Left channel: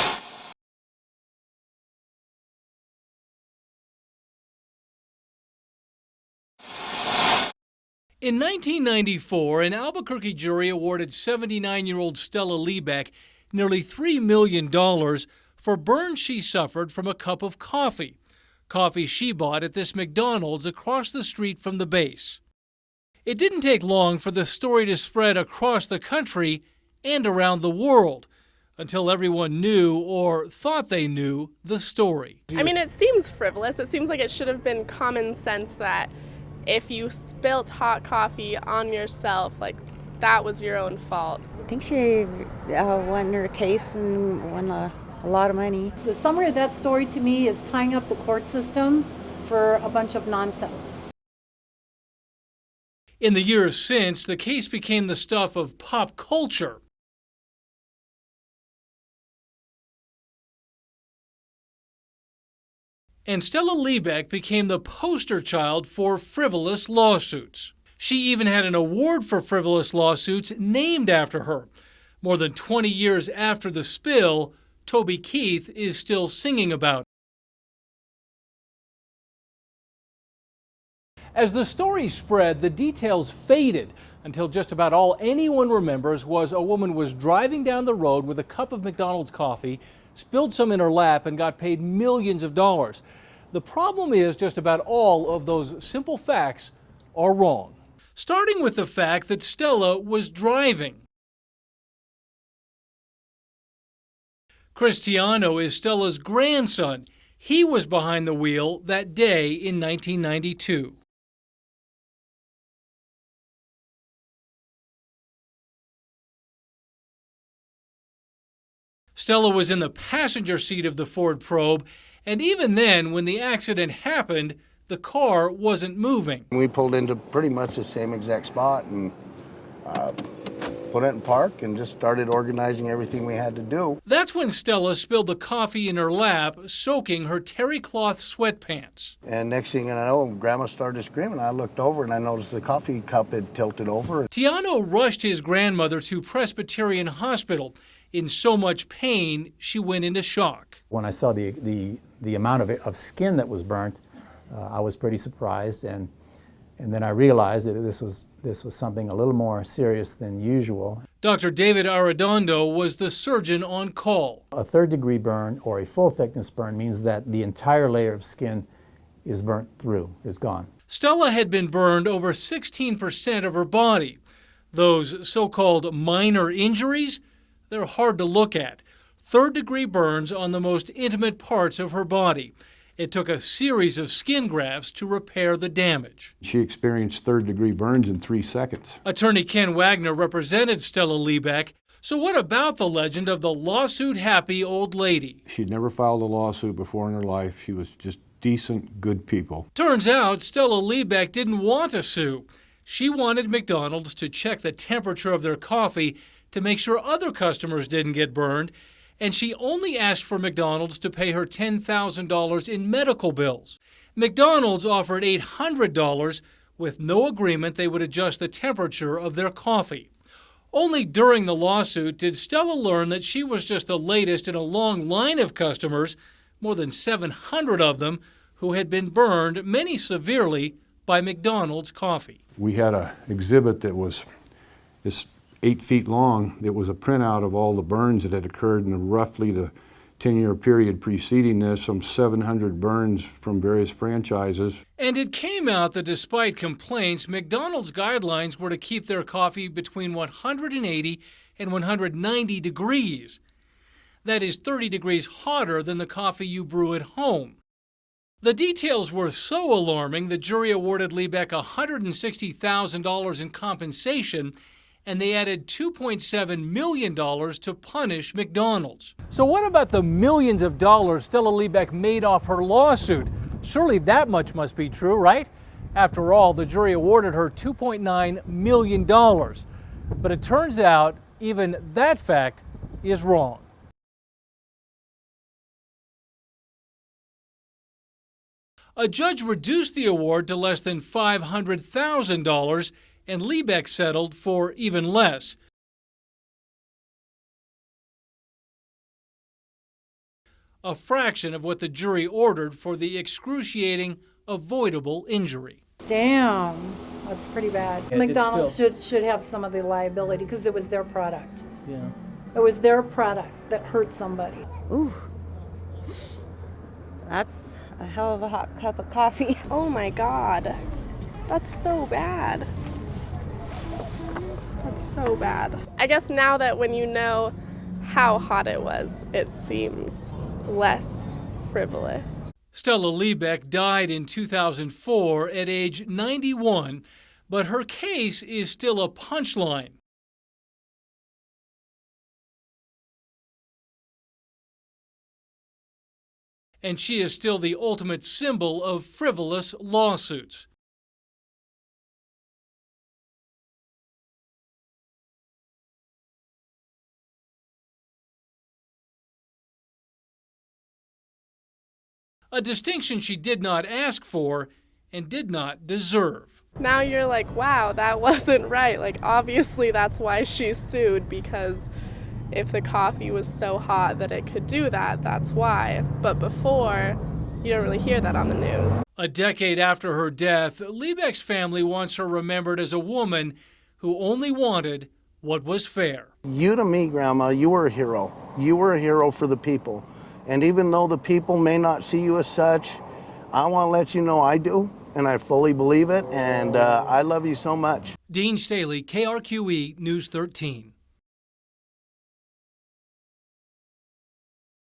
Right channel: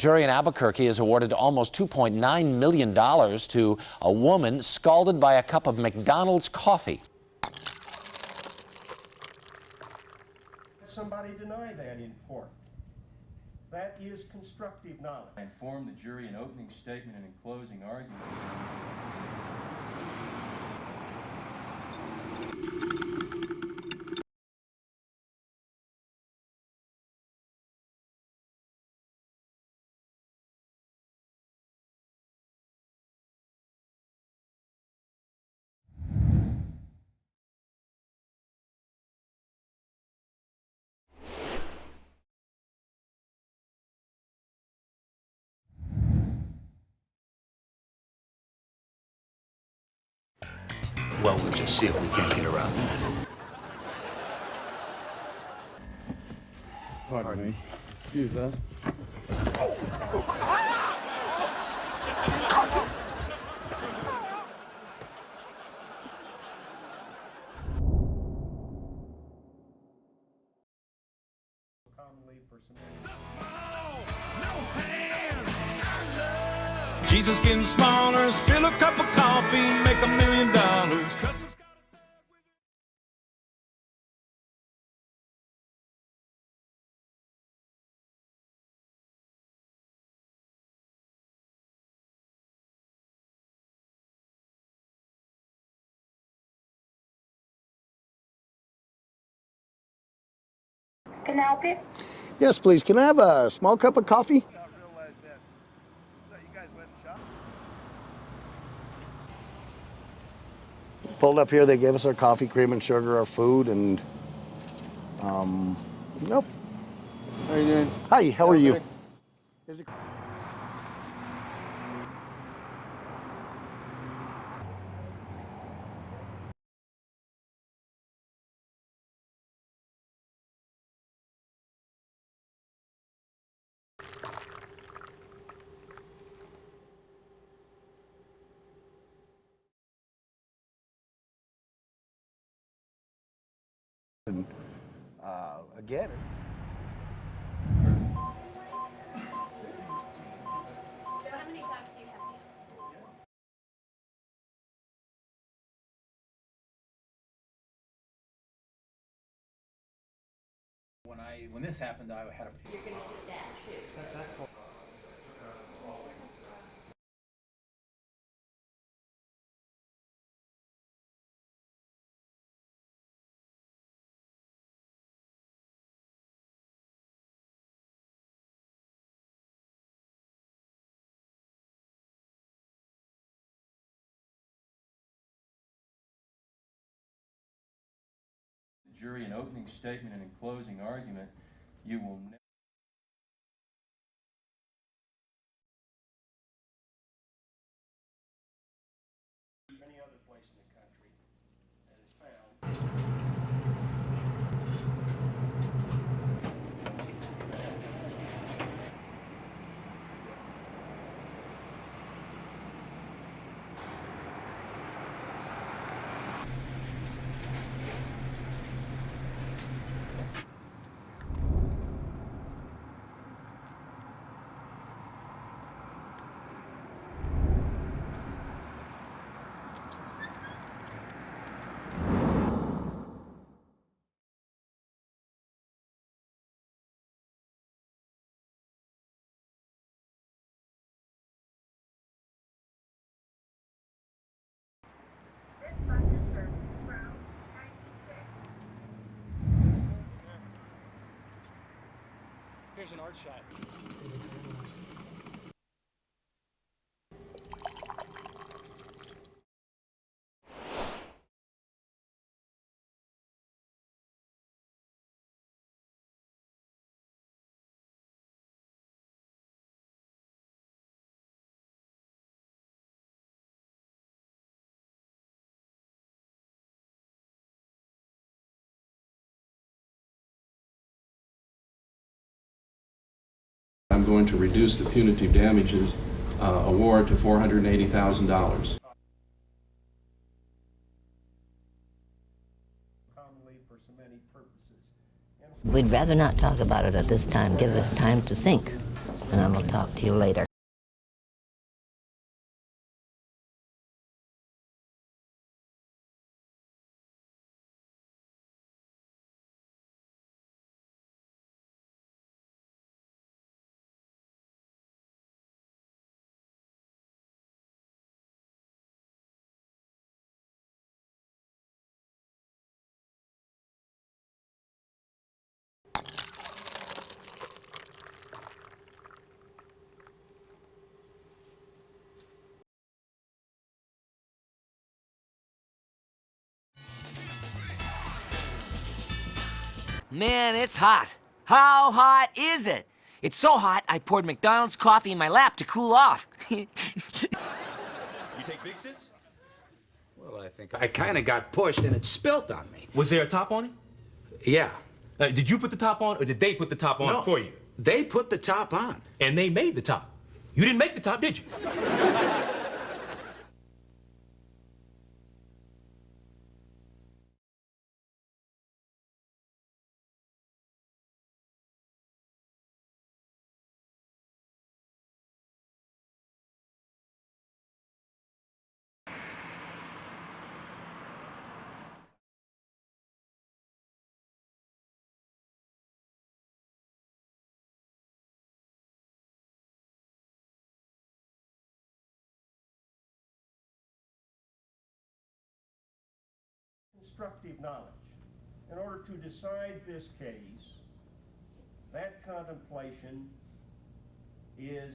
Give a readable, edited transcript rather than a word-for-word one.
jury in Albuquerque has awarded almost $2.9 million to a woman scalded by a cup of McDonald's coffee. In 1994, an Albuquerque jury awarded 79-year-old Stella Liebeck nearly $3 million for burns she suffered from a cup of coffee. Coffee she bought at this McDonald's across the street from the base. It didn't take long for the story to spread across the country and around the world, until everyone knew, or thought they knew, the story. I mean, it seems frivolous. It seems like it should have been common sense that if you spilt hot coffee on yourself, like, that was your own fault. I think she won her case and won a lot of money. The summary of that story to me is tying up the court system for a bunch of nonsense. Well, we'll just see if we can't get around that. In the years since, the case became the stuff of pop culture. Pardon me. Excuse us. And Stella Liebeck became the poster child for frivolous lawsuits. She even had an award for frivolous lawsuits named after her. More than 20 years after the spill, Toby Keith is still singing about it. Jesus getting smaller, spill a cup of coffee, make $1 million. As the story spread, the details faded until just about all anyone remembers was a woman was driving down the road with a cup of McDonald's coffee, spilled some in her lap, and got paid millions of dollars. The problem is just about all of those simple facts are wrong. Starting with the fact that Stella was driving. Can I help you? Yes, please. Can I have a small cup of coffee? Cristiano is Stella's grandson. He was behind the wheel that day in 1992. Pulled up here, they gave us our coffee, cream and sugar, our food, and nope. How you doing? Hi, how are you? Stella was in the passenger seat of the Ford Probe, and even then, when the accident happened, the car wasn't moving. We pulled into pretty much the same exact spot and put it in park and just started organizing everything we had to do. That's when Stella spilled the coffee in her lap, soaking her terry cloth sweatpants. And next thing I know, Grandma started screaming. I looked over and I noticed the coffee cup had tilted over. Tiano rushed his grandmother to Presbyterian Hospital. In so much pain, she went into shock. When I saw the amount of skin that was burnt, I was pretty surprised, and then I realized that this was something a little more serious than usual. Dr. David Arredondo was the surgeon on call. A third-degree burn or a full-thickness burn means that the entire layer of skin is burnt through, is gone. Stella had been burned over 16% of her body. Those so-called minor injuries, they're hard to look at. Third-degree burns on the most intimate parts of her body. It took a series of skin grafts to repair the damage. She experienced third-degree burns in 3 seconds. Attorney Ken Wagner represented Stella Liebeck. So what about the legend of the lawsuit-happy old lady? She'd never filed a lawsuit before in her life. She was just decent, good people. Turns out Stella Liebeck didn't want to sue. She wanted McDonald's to check the temperature of their coffee to make sure other customers didn't get burned, and she only asked for McDonald's to pay her $10,000 in medical bills. McDonald's offered $800 with no agreement they would adjust the temperature of their coffee. Only during the lawsuit did Stella learn that she was just the latest in a long line of customers, more than 700 of them, who had been burned, many severely, by McDonald's coffee. We had an exhibit that was 8 feet long. It was a printout of all the burns that had occurred in roughly the 10-year period preceding this, some 700 burns from various franchises. And it came out that despite complaints, McDonald's guidelines were to keep their coffee between 180 and 190 degrees. That is 30 degrees hotter than the coffee you brew at home. The details were so alarming, the jury awarded Liebeck $160,000 in compensation, and they added $2.7 million to punish McDonald's. So what about the millions of dollars Stella Liebeck made off her lawsuit? Surely that much must be true, right? After all, the jury awarded her $2.9 million. But it turns out even that fact is wrong. I'm going to reduce the punitive damages award to $480,000. A judge reduced the award to less than $500,000, and Liebeck settled for even less. We'd rather not talk about it at this time. Give us time to think. and I will talk to you later. A fraction of what the jury ordered for the excruciating, avoidable injury. Damn, that's pretty bad. McDonald's should have some of the liability because it was their product. Yeah. It was their product that hurt somebody. Ooh, that's a hell of a hot cup of coffee. Oh my God. That's so bad. That's so bad. I guess now that when you know how hot it was, it seems less frivolous. Stella Liebeck died in 2004 at age 91, but her case is still a punchline. Man, it's hot. How hot is it? It's so hot, I poured McDonald's coffee in my lap to cool off. And she is still the ultimate symbol of frivolous lawsuits. I kind of got pushed and it spilt on me. Was there a top on it? Yeah. Did you put the top on, or did they put the top on for you? They put the top on. And they made the top. You didn't make the top, did you? A distinction she did not ask for and did not deserve. Now you're like, wow, that wasn't right. Like, obviously that's why she sued, because if the coffee was so hot that it could do that, that's why. But before, you don't really hear that on the news. A decade after her death, Liebeck's family wants her remembered as a woman who only wanted what was fair. You to me, Grandma, you were a hero. You were a hero for the people. And even though the people may not see you as such, I want to let you know I do, and I fully believe it, and I love you so much. Dean Staley, KRQE News 13. That contemplation is